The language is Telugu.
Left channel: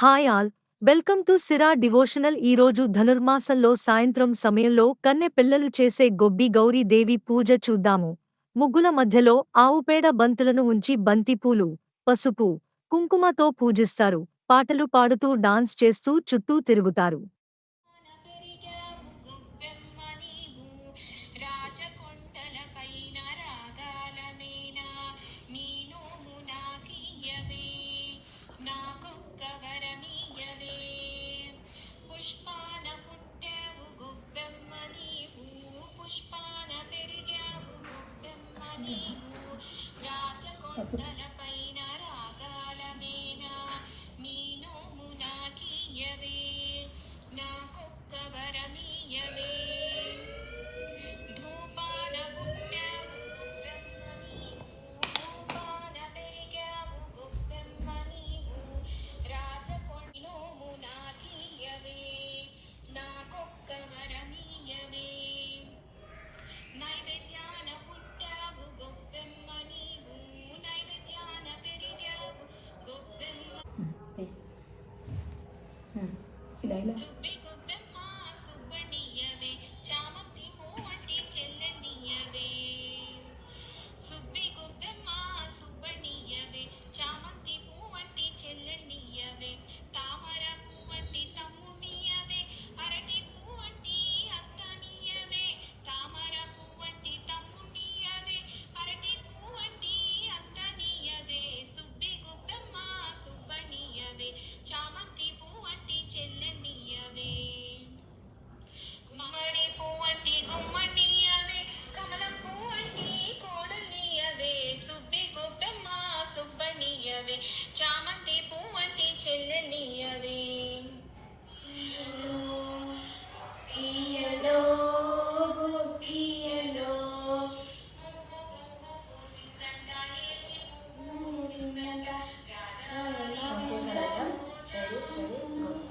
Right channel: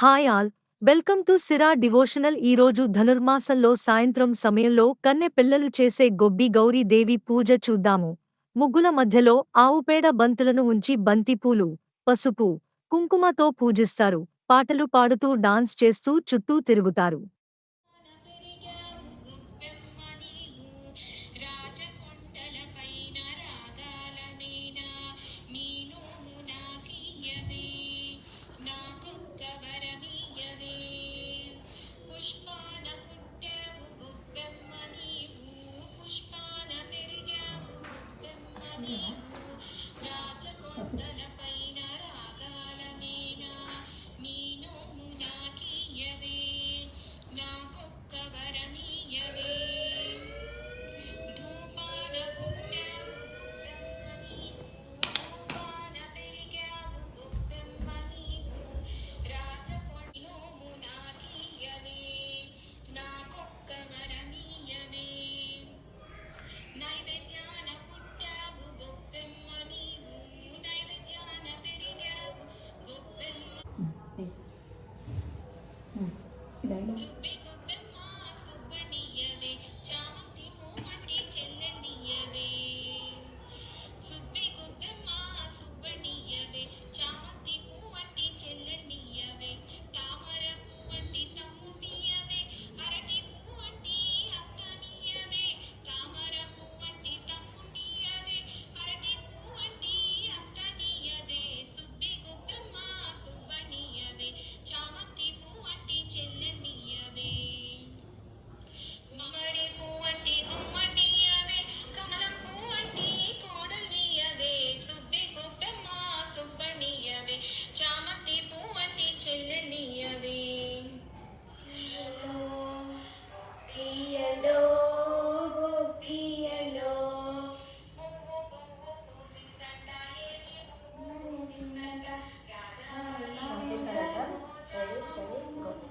Hi all. Welcome to Sira devotional ఈరోజు ధనుర్మాసంలో సాయంత్రం సమయంలో కన్నె పిల్లలు చేసే గొబ్బి గౌరీ దేవి పూజ చూద్దాము. ముగ్గుల మధ్యలో ఆవుపేడ బంతులను ఉంచి బంతిపూలు పసుపు కుంకుమతో పూజిస్తారు. పాటలు పాడుతూ డాన్స్ చేస్తూ చుట్టూ తిరుగుతారు. স্টাইলে